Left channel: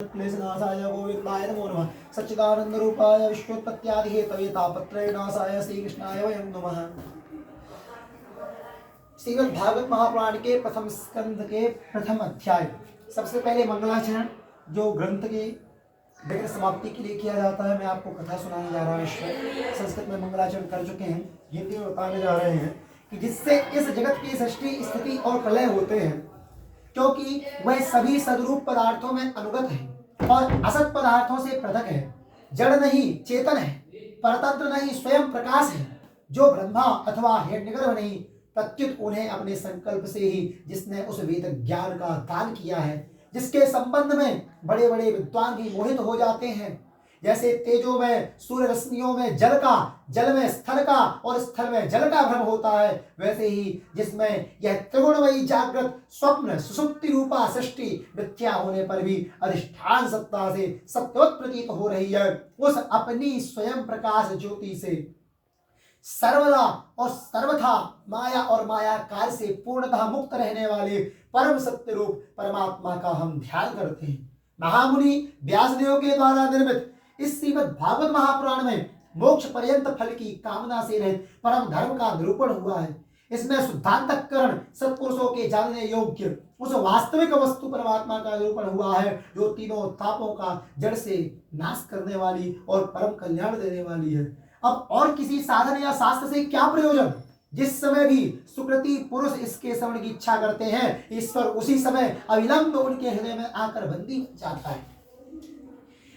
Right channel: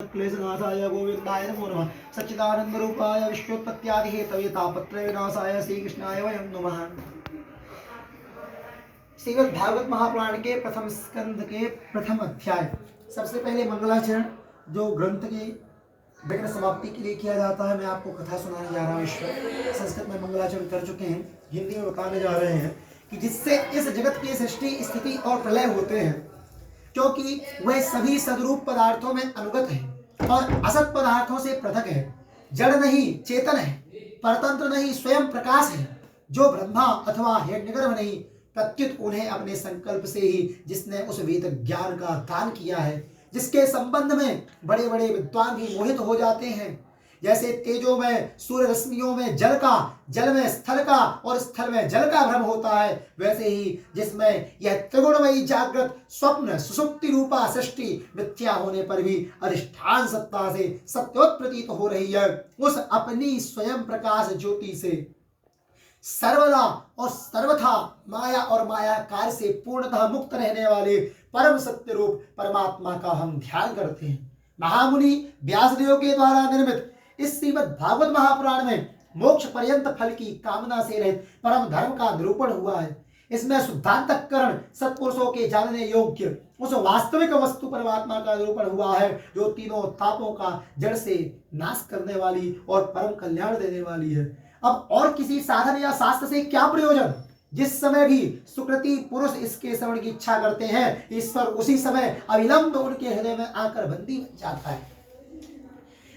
क्लेशनाशाय गोविंदाय नमो नमः। सच्चिदानंद रूपाय विश्वोत्पत्त्यादि हेतवे तापत्रय विनाशाय श्री कृष्णाय वयं नमः। श्रीमद् भागवत महापुराण के प्रथम स्कंद के प्रथम अध्याय। सबसे पहले मंगलाचरण जो ग्रंथ की विघ्न समाप्ति के लिए किया जाता है। मैं आपको कथा सुनाने जा रहा हूँ। ईश्वर संस्कृत में मंगलाचरण कर चुके हैं, हिंदी में बताने जा रहे हैं कि जिससे इस जगत की सृष्टि स्थिति और प्रलय होते हैं, क्योंकि वह सभी सदरूप पदार्थों में अनुगत है और असत पदार्थों से पृथक है। जड़ नहीं चेतन है, परतंत्र नहीं स्वयं प्रकाश है। जो ब्रह्मा अथवा हिरण्यगर्भ नहीं, प्रत्युत उन्हें अपने संकल्प से ही जिसने उस वेद ज्ञान का दान किया है, जिसके संबंध में बड़े बड़े विद्वान भी मोहित हो जाते हैं। जैसे तेजो में सूर्य रश्मियों में जल का, जल में स्थल का और स्थल में जल का भ्रम होता है, वैसे ही जिसमें यह त्रिगुणमयी जागृत स्वप्न सुसुप्ति रूपा सृष्टि मिथ्या होने पर भी अधिष्ठान सत्ता से सत्यवत प्रतीत हो रही है, उस अपनी स्वयं प्रकाश ज्योति से सर्वदा और सर्वथा माया और मायाकार से पूर्णतः मुक्त रहने वाले परम सत्य रूप परमात्मा का हम ध्यान करते हैं। महामुनि व्यासदेव के द्वारा निर्मित इस श्रीमद् भागवत महापुराण में मोक्ष पर्यंत फल की कामना से रहित परम धर्म का निरूपण हुआ है। इसमें शुद्धांतकरण सत्पुरुषों के जानने योग्य उस वास्तविक वस्तु परमात्मा का निरूपण हुआ है, जो तीनों तापों का जड़ से नाश करने वाली और परम कल्याण देने वाली है। अब और किसी साधन या शास्त्र से क्या प्रयोजन? जिस समय भी सुकृति पुरुष इसके श्रवण की इच्छा करते हैं, ईश्वर उसी समय अविलंब उनके हृदय में आकर बंदी बन जाता है।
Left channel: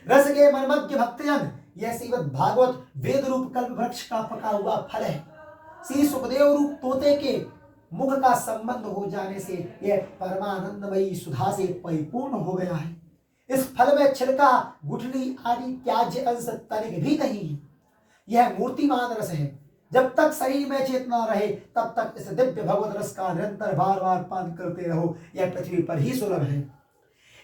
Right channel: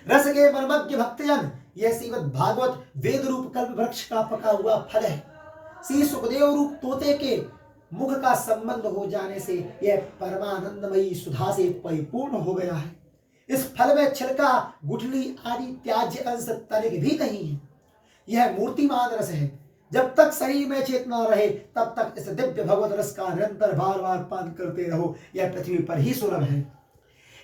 रस के मर्मज्ञ भक्तजन, यह श्रीमद् भागवत वेद रूप कल्प वृक्ष का पका हुआ फल है। श्री सुखदेव रूप तोते के मुख का संबंध हो जाने से यह परमानंदमयी सुधा से परिपूर्ण हो गया है। इस फल में छिलका, गुठली आदि त्याज्य अंश तनिक भी नहीं है। यह मूर्तिमान रस है। जब तक शरीर में चेतना रहे तब तक इस दिव्य भगवत रस का निरंतर बार बार पान करते रहो। यह पृथ्वी पर ही सुलभ है।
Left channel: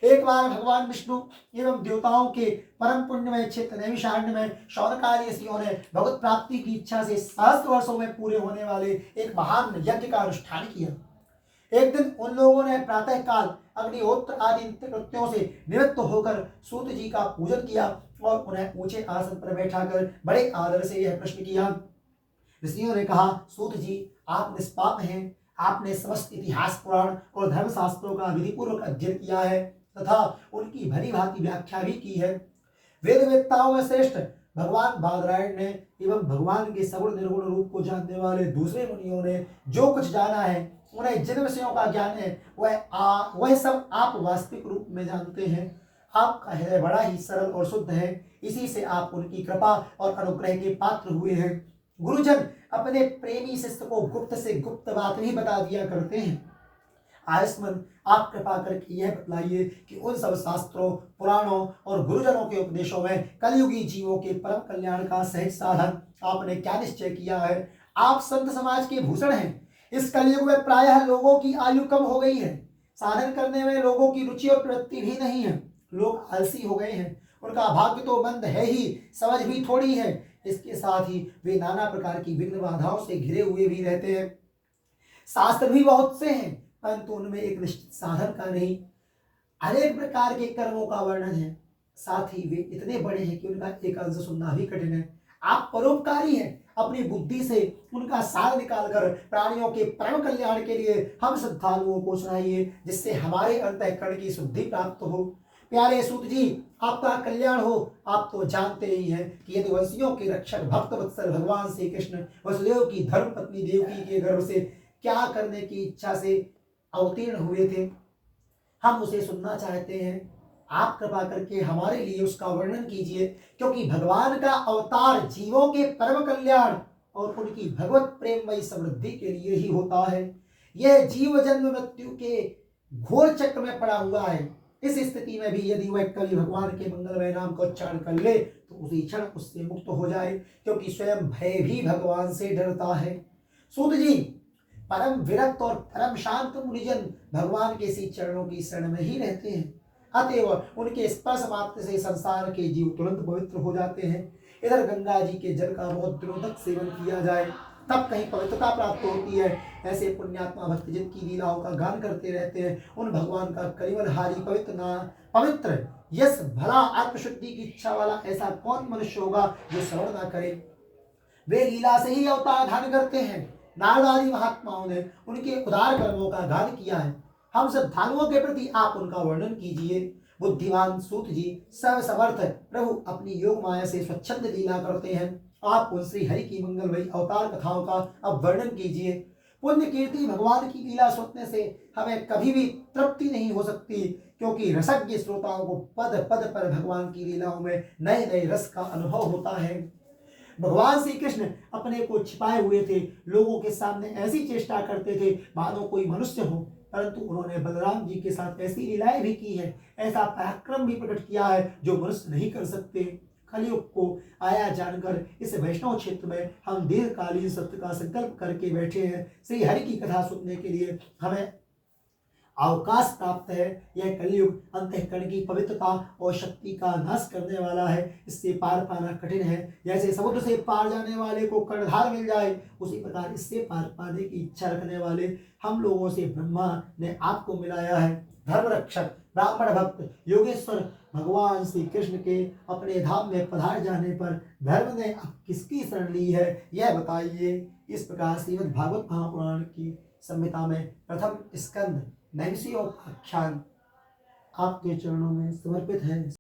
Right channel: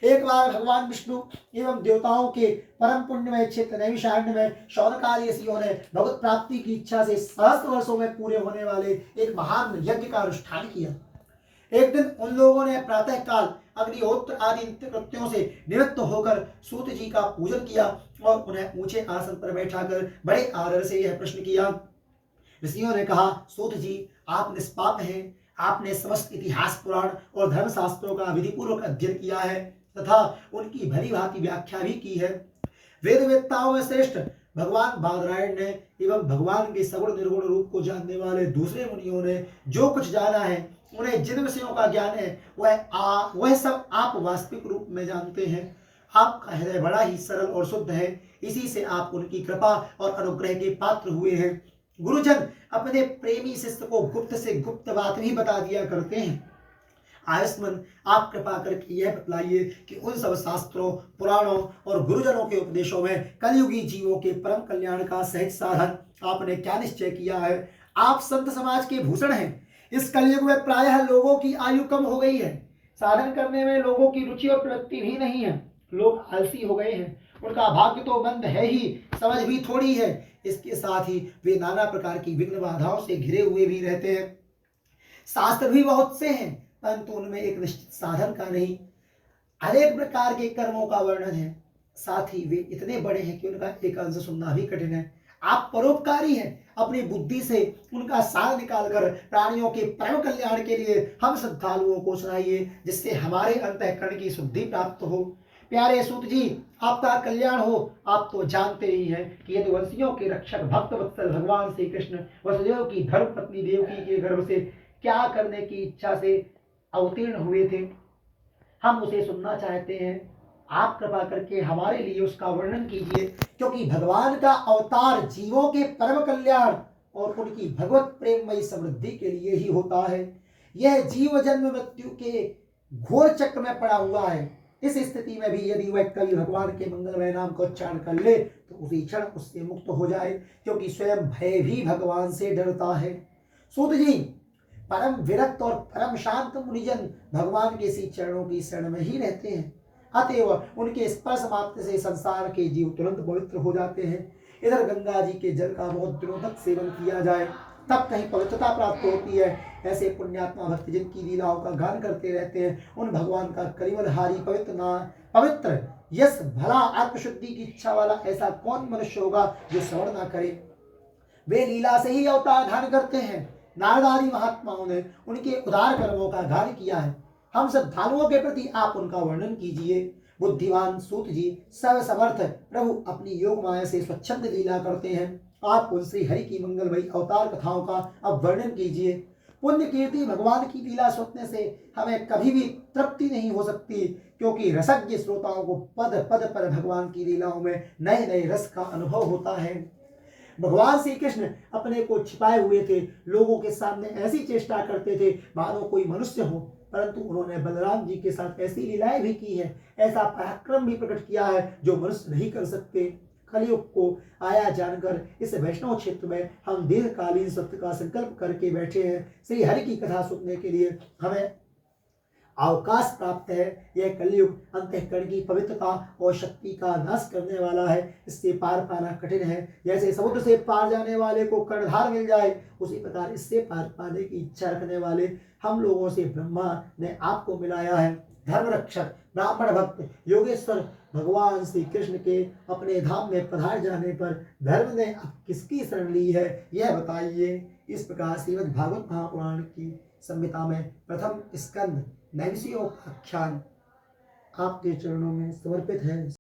एक बार भगवान विष्णु एवं देवताओं के परम पुण्यमय क्षेत्र नैमिषारण्य में शौनकादि ऋषियों ने भगवत प्राप्ति की इच्छा से सहस्त्र वर्षों में पूरे होने वाले एक महान यज्ञ का अनुष्ठान किया। एक दिन उन लोगों ने प्रातः काल अग्निहोत्र आदि नित्य कृत्यों से निवृत्त होकर सूत जी का पूजन किया और उन्हें ऊंचे आसन पर बैठाकर बड़े आदर से यह प्रश्न किया। ऋषियों ने कहा, सूत जी आप निष्पाप हैं। आपने समस्त इतिहास पुराण और धर्मशास्त्रों का विधिपूर्वक अध्ययन किया है तथा उनकी भली भांति व्याख्या भी की है। वेद वेत्ताओं में श्रेष्ठ भगवान बादरायण ने एवं भगवान के सगुण निर्गुण रूप को जानने वाले दूसरे मुनियों ने जो कुछ जाना है, उन्हें जिन विषयों का ज्ञान है, वह सब आप वास्तविक रूप में जानते हैं। आपका हृदय बड़ा ही सरल और शुद्ध है, इसी से आप उनकी कृपा और अनुग्रह के पात्र हुए हैं। गुरुजन अपने प्रेमी शिष्य को गुप्त से गुप्त बात भी बता दिया करते हैं। आयुष्मान, आप कृपा करके यह बतलाइए कि उन सब शास्त्रों, पुराणों और गुरुजनों के उपदेशों में कलयुगी जीवों के परम कल्याण का सहज साधन आपने क्या निश्चय किया है? आप संत समाज के भूषण हैं। इस कलयुग में प्रायः लोगों की आयु कम हो गई है। साधन करने में लोगों की रुचि और प्रवृत्ति भी नहीं है। लोग आलसी हो गए हैं। उनका भाग्य तो मंद है ही, समझ भी थोड़ी है। इसके साथ ही वे नाना प्रकार की विघ्न बाधाओं से घिरे हुए भी रहते हैं। शास्त्र भी बहुत से हैं, परंतु उनमें एक निश्चित साधन का नहीं, अनेक प्रकार के कर्मों का वर्णन है। साथ ही वे इतने बड़े हैं कि उनका एक अंश सुनना भी कठिन है। आप परोपकारी हैं। अपनी बुद्धि से उनका सार निकालकर प्राणियों के परम कल्याण के लिए हम श्रद्धालुओं को सुनाइए, जिससे हमारे अंतःकरण की शुद्धि प्राप्त हो। प्यारे सूत जी, आपका कल्याण हो। आप तो जानते ही हैं कि यदुवंशियों के रक्षक भक्त वत्सल भगवान श्री कृष्ण वसुदेव की धर्म पत्नी देवकी के गर्भ से क्या करने की इच्छा से अवतीर्ण हुए थे, हम उसे सुनना चाहते हैं। आप कृपा करके हमारे लिए उसका वर्णन कीजिए, क्योंकि भगवान का अवतार जीवों के परम कल्याण और उनकी भगवत प्रेममयी समृद्धि के लिए ही होता है। यह जीव जन्म मृत्यु के घोर चक्र में पड़ा हुआ है। इस स्थिति में भी यदि वह कभी भगवान के मंगलमय नाम को उच्चारण कर ले तो उसी क्षण उससे मुक्त हो जाए, क्योंकि स्वयं भय भी भगवान से डरता है। सूत जी, परम विरक्त और परम शांत मुनिजन भगवान के इसी चरणों की शरण में ही रहते हैं। अतएव उनके स्पर्श मात्र से संसार के जीव तुरंत पवित्र हो जाते हैं। इधर गंगा जी के जल का बहुत दिनों तक सेवन किया जाए तब कहीं पवित्रता प्राप्त होती है। ऐसे पुण्यात्मा भक्त जिनकी लीलाओं का गान करते रहते हैं, उन भगवान का कलिवलहारी पवित्र यश भला आत्मशुद्धि की इच्छा वाला ऐसा कौन मनुष्य होगा जो श्रवण ना करे। वे लीला से ही अवतार धारण करते हैं। नारद आदि महात्माओं ने उनके उदार कर्मों का गान किया है। हम श्रद्धालुओं के प्रति आप उनका वर्णन कीजिए। बुद्धिमान सूत जी सर्व समर्थ प्रभु अपनी योग माया से स्वच्छंद लीला करते हैं। आप उन श्री हरि की मंगलमयी अवतार कथाओं का अब वर्णन कीजिए। पुण्य कीर्ति भगवान की लीला सुनने से हमें कभी भी तृप्ति नहीं हो सकती, क्योंकि रसज्ञ श्रोताओं को पद पद पर भगवान की लीलाओं में नए नए रस का अनुभव होता है। भगवान श्री कृष्ण अपने को छिपाए हुए थे, लोगों के सामने ऐसी चेष्टा करते थे मानो कोई मनुष्य हो, परंतु उन्होंने बलराम जी के साथ ऐसी लीलाएं भी की है, ऐसा पराक्रम भी प्रकट किया है जो मनुष्य नहीं कर सकते। कलयुग को आया जानकर इस वैष्णव क्षेत्र में हम दीर्घकालीन सत्य का संकल्प करके बैठे हैं। श्री हरि की कथा सुनने के लिए हमें अवकाश प्राप्त है। यह कलयुग अंतःकरण की पवित्रता और शक्ति का नाश करने वाला है, इससे पार पाना कठिन है। जैसे समुद्र से पार जाने वाले को कर्णधार मिल जाए, उसी प्रकार इससे पार पाने की इच्छा रखने वाले हम लोगों से ब्रह्मा ने आपको मिलाया है। धर्म रक्षक ब्राह्मण भक्त योगेश्वर भगवान श्री कृष्ण के अपने धाम में पधार जाने पर धर्म ने अब किसकी शरण ली है, यह बताइए। इस प्रकार श्रीमद् भागवत महापुराण की संहिता में प्रथम स्कंद नैमिषिकोपाख्यान आपके चरणों में समर्पित है।